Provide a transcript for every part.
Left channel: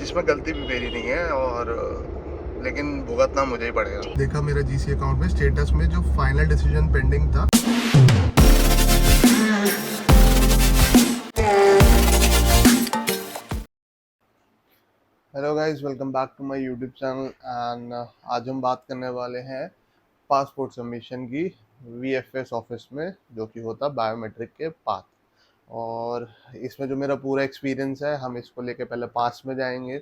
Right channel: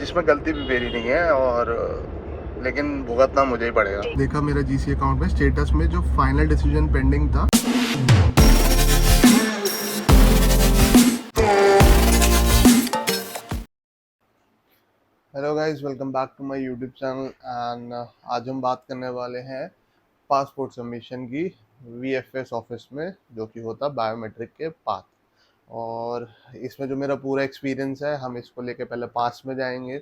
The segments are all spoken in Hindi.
जिसमें गलती भी मेरी नहीं है और लेकिन भुगतना मुझे ही पड़ेगा। देखा मेरा जीसी अकाउंट में स्टेटस में जो फाइनल डिसीजन पेंडिंग था। Hello guys, welcome back to my YouTube channel and आज हम बात करने वाले हैं पासपोर्ट सबमिशन की वीएफएस ऑफिस में, जो कि होता बायोमेट्रिक के पास। और इसमें जो मेरा पूरा एक्सपीरियंस है, हम इसको लेके पहले पास में जाएंगे,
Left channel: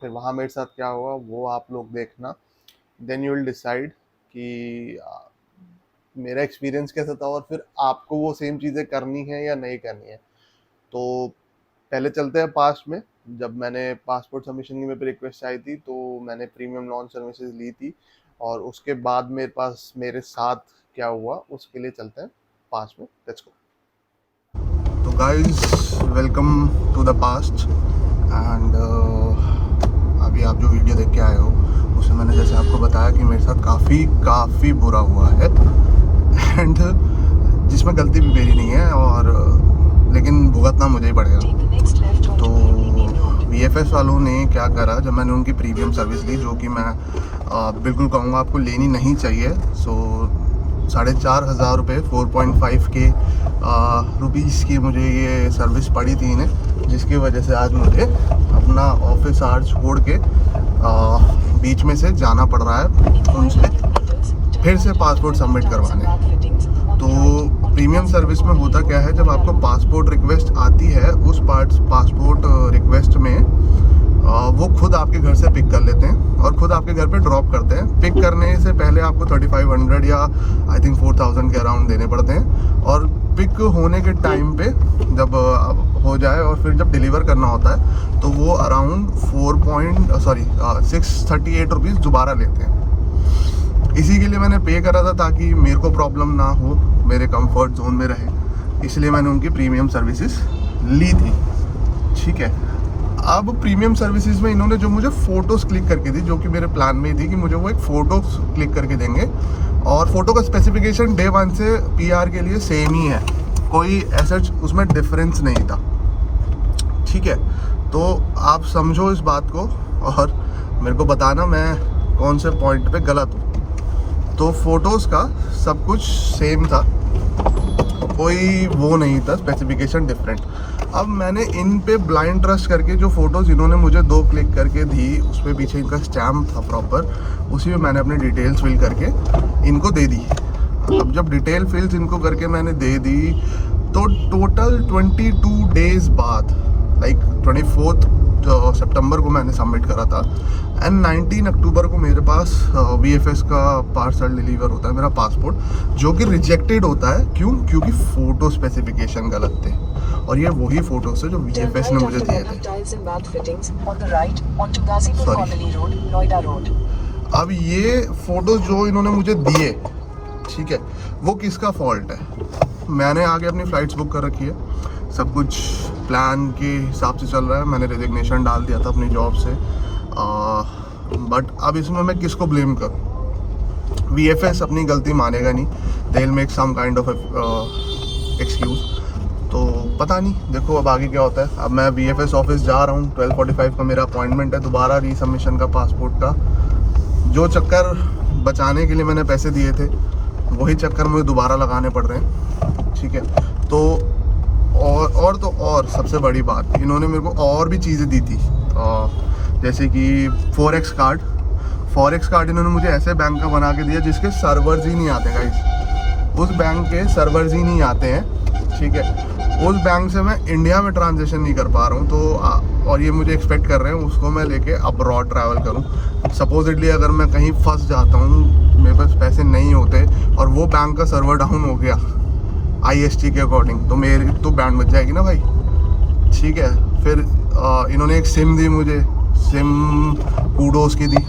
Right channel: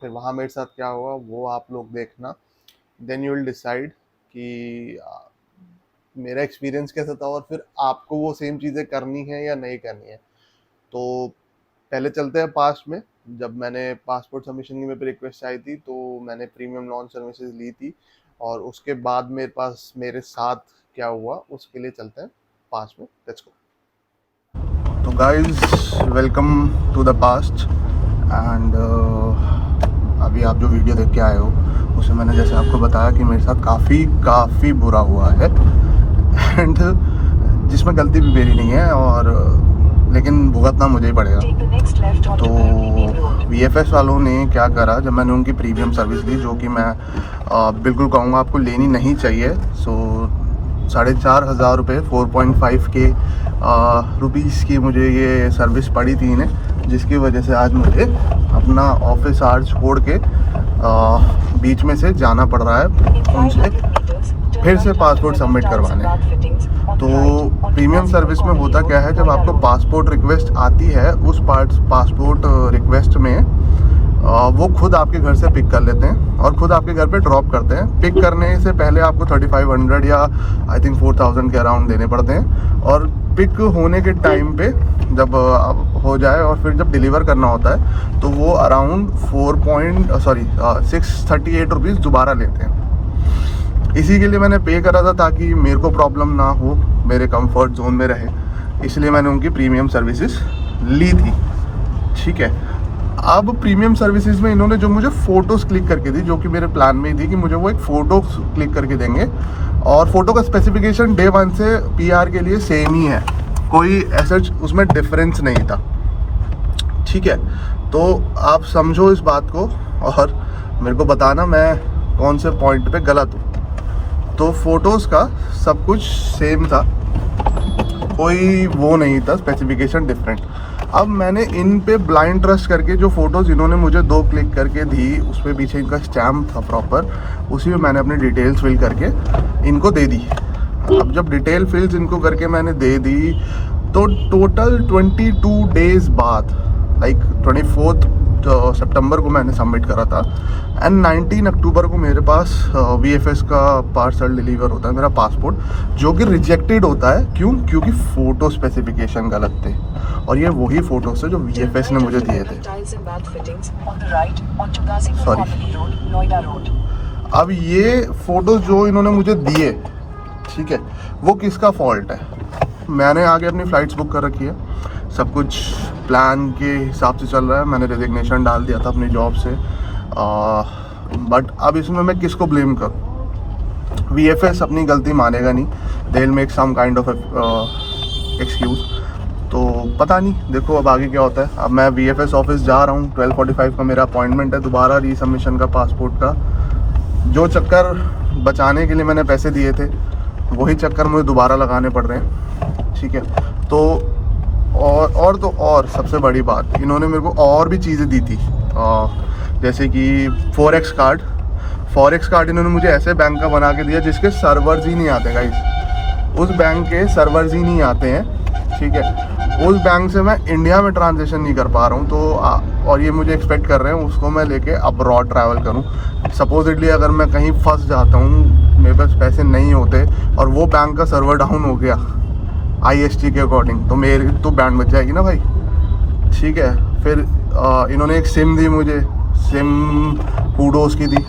फिर वहाँ मेरे साथ क्या हुआ वो आप लोग देखना। देन यू विल डिसाइड कि मेरा एक्सपीरियंस कैसा था और फिर आपको वो सेम चीज़ें करनी है या नहीं करनी है। तो पहले चलते हैं पास में। जब मैंने पासपोर्ट सबमिशन की मेरे पे रिक्वेस्ट आई थी तो मैंने प्रीमियम लॉन्च सर्विसेज ली थी, और उसके बाद मेरे साथ क्या हुआ उसके लिए चलते हैं पास में। Let's go. तो guys, welcome to the past and अभी आप जो वीडियो देख के आए हो उसमें मैंने जैसे आपको बताया कि मेरे साथ काफ़ी बुरा हुआ है एंड जिसमें गलती भी मेरी नहीं है और लेकिन भुगतना मुझे ही पड़ेगा। तो वीएफएस वालों ने क्या करा, जब मैंने उनकी प्रीमियम सर्विस ली, जो कि मैं बिल्कुल कहूँगा आपको लेनी नहीं चाहिए। सो 4,500 रुपये 4.5 के रुपीज़ की मुझे ये सर्विस पड़ी थी इन्हें, जिसकी वजह से आज मुझे अपना ऑफिस आवर छोड़ के बीच में से जाना पड़ रहा है उनसे फिर से पासपोर्ट सबमिट करवाने। तो प्रीमियम सर्विस में होता क्या है, जब आपको पासपोर्ट रिक्वेस्ट आती है उस पासपोर्ट रिक्वेस्ट में वो खुद आपके घर से पिक कर लेते हैं और खुद आपके घर पे ड्रॉप करते हैं। पिक करने से पहले आपको 3500 या आई थिंक 4000 के अराउंड देने पड़ते हैं, और पिक होने के टाइम पे जब हो जाए और फिर जब डिलीवर करना होता है तो वो अराउंड 638 रुपीज़ दोबारा लेते हैं। इसी के लिए मैंने पे करा था ताकि मेरे को प्रॉब्लम ना हो, मेरे कंफर्ट जोन में रहे, इसलिए मैंने उनकी प्रीमियम सर्विसेज ली थी। ठीक है, अब प्रीमियम सर्विसेज में इन्होंने जो मुझे फ़ोटोज़ क्लिक करके दी, जो कि मेरे प्लान में थी कि मुझे वो एक फ़ोटो क्लिक करके देंगे, और फ़ोटो का स्पेसिफिकेशन डे 1 से पीआर के लिए सेम ही है, कोई ऐसा उसमें डिफरेंस नहीं था। ठीक है, तो आप समझो इस बात को और मेरे को बताना मैं कौन से पॉइंट पे गलत हूँ। तो फोटोज़ का सब कुछ सेम था, कोई वो नहीं था स्पेसिफिकेशन डिफरेंट। अब मैंने इन पे ब्लाइंड ट्रस्ट करके जो फ़ोटोज़ इन्होंने मुझे 2 क्लिक करके दी, उसमें पीछे इनका स्टैम्प था प्रॉपर, उसी में मैंने अपनी डिटेल्स फिल करके इनको दे दी। अब जब डिटेल फिल्स इनको करके मैंने दे दी तो टोटल 22 डेज़ बाद, लाइक 24 सितंबर को मैंने सबमिट करा था एंड 19 अक्टूबर को मेरे पास वीएफएस का पार्सल डिलीवर होता है, मेरा पासपोर्ट, जो कि रिजेक्टेड होता है। क्यों? क्योंकि फ़ोटो स्पेसिफिकेशन गलत थे, और ये वही फ़ोटोज़ थे जो वीएफएस ने मुझे दिए थे। सॉरी, अब ये फ़ोटोज़ जो इन्होंने मुझे दिए, ठीक है, वो किसका फॉल्ट है? मैंने आगे अपनी फ़्लाइट्स बुक कर रखी है, सब कुछ प्लान के हिसाब से चल रहा है, मैंने रेजिग्नेशन डाल दिया था अपनी जॉब से, बट अब इसमें मैं किसको ब्लेम करूँ? वीएफएस अपनी गलती मानेगा नहीं, they will make some kind of excuse. तो पता नहीं, देखो अब आगे क्या होता है। अब मैं वीएफएस ऑफिस जा रहा हूँ, 12:45 का मेरा अपॉइंटमेंट है दोबारा रीसबमिशन का पासपोर्ट का। जो चक्कर बचाने के लिए मैंने पैसे दिए थे वही चक्कर मुझे दोबारा लगाने पड़ रहे हैं। ठीक है, तो और सबसे बड़ी बात, इन्होंने मेरे को और भी चीज़ें दी थी, जैसे कि फॉरेक्स कार्ड इन्होंने मुझे ऐसे बैंक का बना के दिया जिसके सर्वर्स ही नहीं आते गाइस, उस बैंक के सर्वर्स ही नहीं आते हैं। ठीक है, उस बैंक से मैं इंडिया में ट्रांजेक्शन नहीं कर पा रहा हूँ, तो और ये मुझे एक्सपेक्ट कर रहे हैं उसको मैं लेके अब्रॉड ट्रैवल करूँ। सपोजिटली अगर मैं कहीं फंस जाता हूँ, मेरे पास पैसे नहीं होते और वो बैंक का सर्वर डाउन हो गया आईएसटी के अकॉर्डिंग, तो मेरी तो बैंड बच जाएगी ना भाई। ठीक है, फिर इन्होंने एक सिम दी मुझे, सिम कूडोस की दी।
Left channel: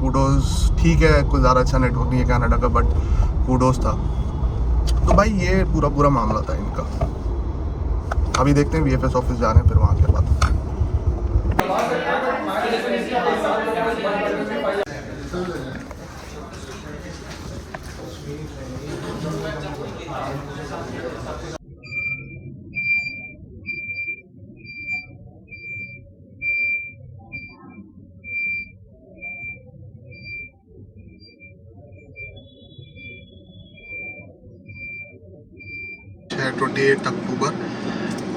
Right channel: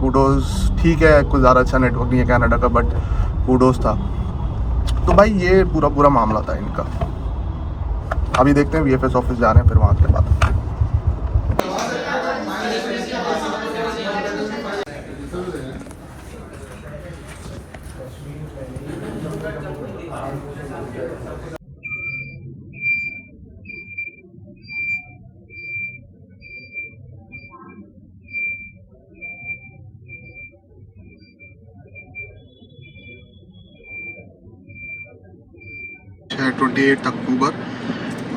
कूडोस ठीक है, कुछ ज़्यादा अच्छा नेटवर्क नहीं है कनाडा का, बट कूडोस था। तो भाई ये पूरा मामला था इनका। अभी देखते हैं वीएफएस ऑफिस जाने हैं, फिर वहाँ के बाद। 28 अक्टूबर।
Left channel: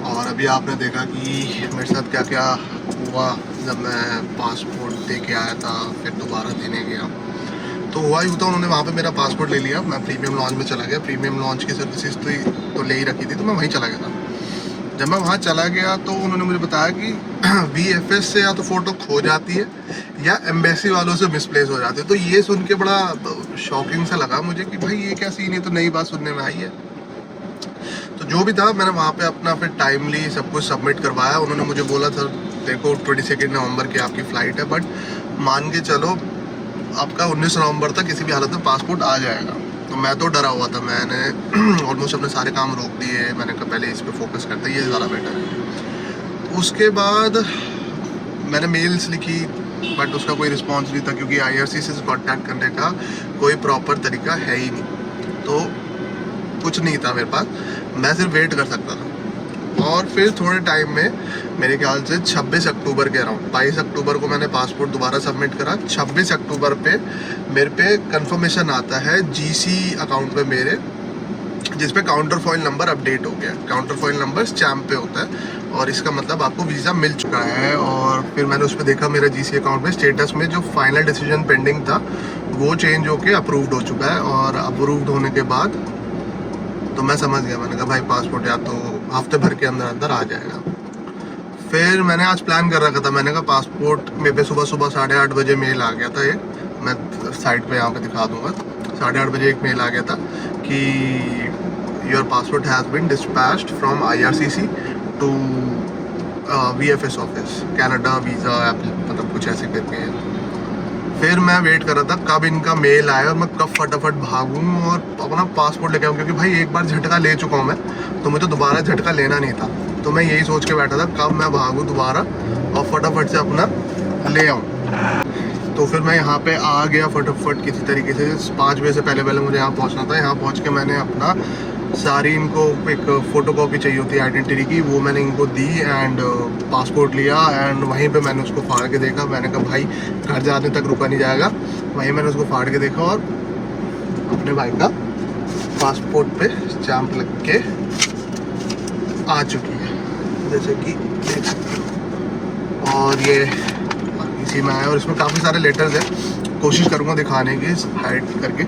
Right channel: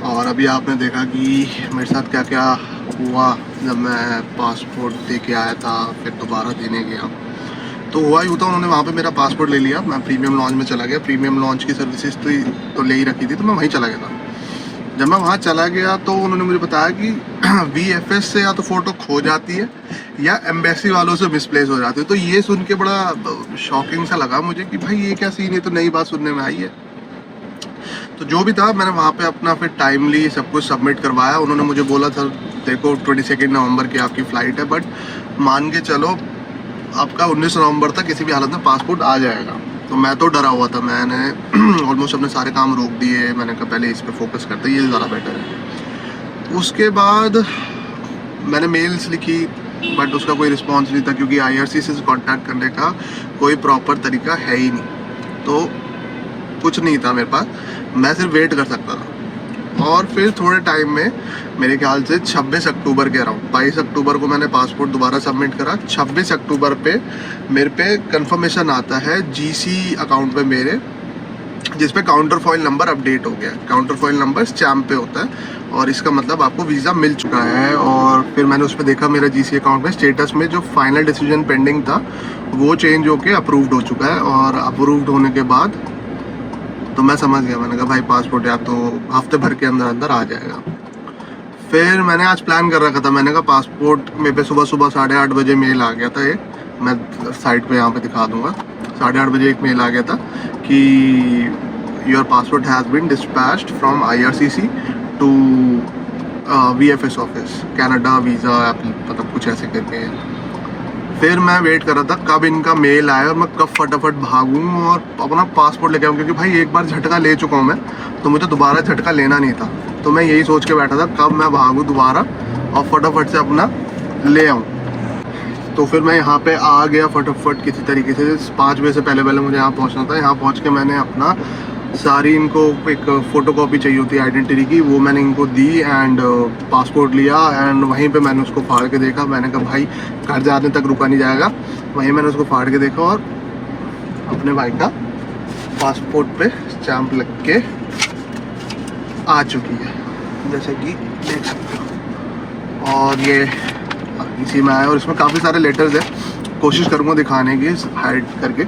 और अभी आपने देखा कि मेरे साथ क्या क्या हुआ जब मैं पासपोर्ट दे के आया था, फिर दोबारा देने गया। तो हुआ ही होता, उन्होंने वहाँ पे मेरा पासपोर्ट ले लिया, मैं प्रीमियम लॉन्च में चला गया। प्रीमियम लॉन्च की सर्विसेज तो ले ही रखी थी, तो मैं वहीं चला गया था। जब मैं वहाँ चला गया तो उन्होंने मुझे बताया कि VFS से या तो फ़ोटो खो जाती है या एम्बेसी वालों से मिसप्लेस हो जाती है। तो ये सुन के बड़ा शॉकिंग सा लगा मुझे कि भाई ये क्या सीन है, तो नई बात सुनने में आई है। तो जो भी था, मैंने वहाँ पे अपना फिर टाइमली सब कुछ सबमिट करवाया। उन्होंने मुझे बोला था देखो 22 नवंबर की आपकी फ़्लाइट है, बट मान के चलो आपका 19 नवंबर तक किसी भी हालत में पासपोर्ट आ जाएगा। तो मैं तो डरा हुआ था, मैंने ऑलमोस्ट अपने सारे काम रोक दिए। मैंने कहा पहले इस पर फोकस करते, ये ज़्यादा बेटर है। उसके बाद मैंने मेल्स लिखी, बट उसका कोई रिस्पांस नहीं था, क्योंकि IRCC से कांटेक्ट करने का कोई प्रॉपर तरीका है ही नहीं। तो कुछ नहीं था मेरे पास, मैं सिर्फ वेट कर सकता था। और फिर थोड़े टाइम में, मेरे ख्याल से 26 अक्टूबर के अराउंड, 22 अक्टूबर को मैंने पासपोर्ट दोबारा सबमिट करा। 26 अक्टूबर पे मेरे पे कंफर्मेशन आता है GC अकाउंट पे मेरे, जिस पे काउंटर फॉइल नंबर अपडेट हो गया। काउंटर फॉइल नंबर स्टैम्प पे होता है और इसका मतलब आपको वीज़ा मिल चुका है। और फिर मैंने उस पर देखा मेरा GC अकाउंट में स्टेटस में जो फाइनल डिसीजन पेंडिंग था वो चेंज होके अप्रूव्ड हो चुका है। और अप्रूव्ड होने के बाद तो मैं समझ गया, मैंने कहा भाई पासपोर्ट या तो हफ्ते भर के अंदर अंदर आ जाएगा। फिर मैंने आज प्लान कर रखा था, मैंने कहा पासपोर्ट मेरे पे सुबह सुबह 8:30 बजे मेल आ गया था। ये मैं साइट पे यहाँ पे दिखा दूंगा। 8:30 बजे एक मेल आ गया था कि your passport has been dispatched from IRCC to VFS office, Canada visa, मतलब कुछ ऐसे करके है। फिर मैं वेट कर रहा था कब इनका मेल आया और मैं कब फटाफट भागूं और अपना पासपोर्ट लेके आऊँ, क्योंकि भाई एक बार झटका ले चुका हूँ मैं, तो मुझे दोबारा झटका लेना नहीं था। तो मैं यही सोच के बैठा था कब मैं भागूं दोबारा और फटाफट से अपना ले आऊँ। तो फिर मैं यहाँ पे आ गया फटाफट किसी तरीके से। 5 बजे से पहले पहले मुझे यहाँ पहुँचना था। यहाँ पहुँच के मैंने अपना सारी, इनको एक फ़ोटो कॉपी चाहिए होती है आइडेंटिटी की, वो मैंने इनको दी एंड पासपोर्ट लिया। एंड वहीं पे मैंने उसको फाड़ के देखा। मैंने कहा भाई घर जाने तक रुका नहीं जाएगा। वहीं मैंने उसको फाड़ के देखा और अपने भाई का पासपोर्ट पे स्टैम्प लग के आ चुकी है, जैसे कि देख सकते हो। और ये इसी में आया और इसमें काफ़ी सारे लेटर्स हैं, कोशिश करूँगा दिखाने की हाइड करके।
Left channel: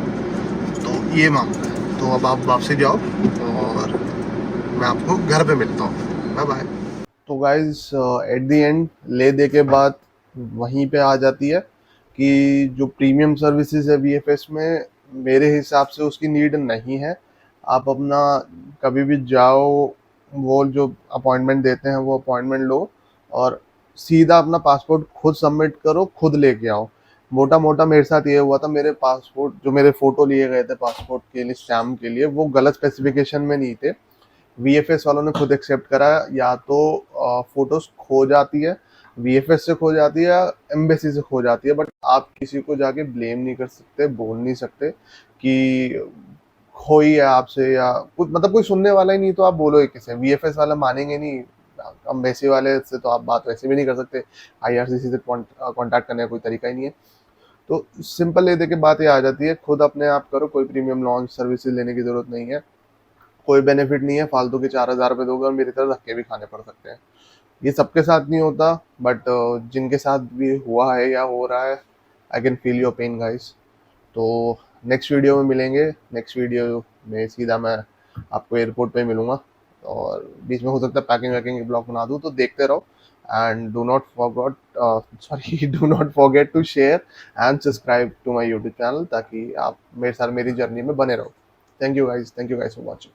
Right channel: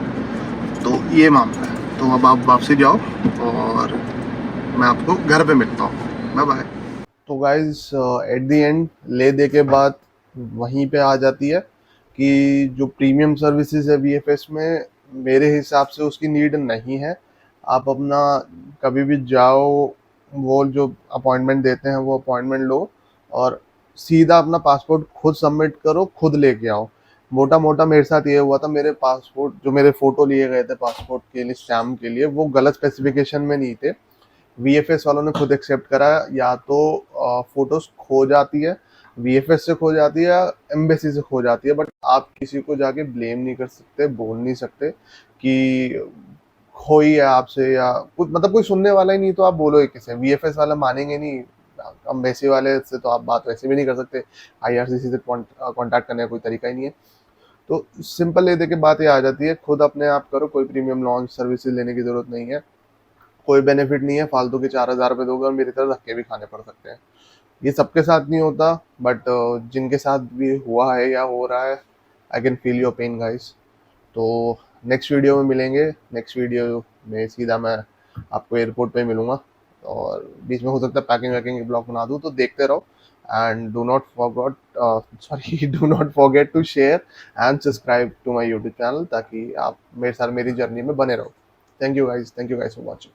तो ये मामला है। तो अब आप वापसी जाओ और मैं आपको घर पे मिलता हूँ। Bye bye. तो गाइज एट द एंड ले दे के बाद वहीं पे आ जाती है कि जो प्रीमियम सर्विसेज है VFS में, मेरे हिसाब से उसकी नीड नहीं है। आप अपना कभी भी जाओ, वो जो अपॉइंटमेंट देते हैं वो अपॉइंटमेंट लो और सीधा अपना पासपोर्ट खुद सबमिट करो, खुद लेके आओ। मोटा मोटा मेरे साथ ये हुआ था, मेरे पासपोर्ट जो मेरे फोटो लिए गए थे पासपोर्ट के लिए स्टैम्प के लिए, वो गलत स्पेसिफिकेशन में नहीं थे। VFS वालों ने खुद एक्सेप्ट करा, या तो फोटोज खो जाती है, VFS से खो जाती है, एम्बेसी से खो जाती है, बट आप किसी को जाके ब्लेम नहीं कर सकते, बोल नहीं सकते कि खोई है आपसे या कुछ, मतलब कोई सुनने वाला ही नहीं, तो आप बोलो किसे। VFS वाला मानेंगे नहीं, एम्बेसी वाले से तो आप बात वैसे भी नहीं कर सकते, IRCC से कांटेक्ट करने का कोई तरीका ही नहीं है। तो सिंपल ये देखे बात ये आ जाती है, खुद अपने आप करो, कोई प्रीमियम लॉन्च सर्विसेज लेने की जरूरत नहीं है, कोई बेनिफिट नहीं है, फालतू के 4,000 रुपये दोगे और मेरी तरह धक्के भी खाने पड़ सकते हैं। ये सबके साथ नहीं होता, बट जिनके साथ भी हुआ है या हो रहा है, I can feel your pain guys. तो नेक्स्ट वीडियो में मिलेंगे। नेक्स्ट वीडियो में सीधा मैं आपको एयरपोर्ट पे मिलूंगा और बीच में हो सकता है पैकिंग वैकिंग ब्लॉग बना दूँ, तो देखते रहो। And do not forgot sorry do not forget to share and subscribe to my YouTube channel, ताकि आप मेरे साथ मेरी जर्नी में बने रहो। Thank you guys for watching.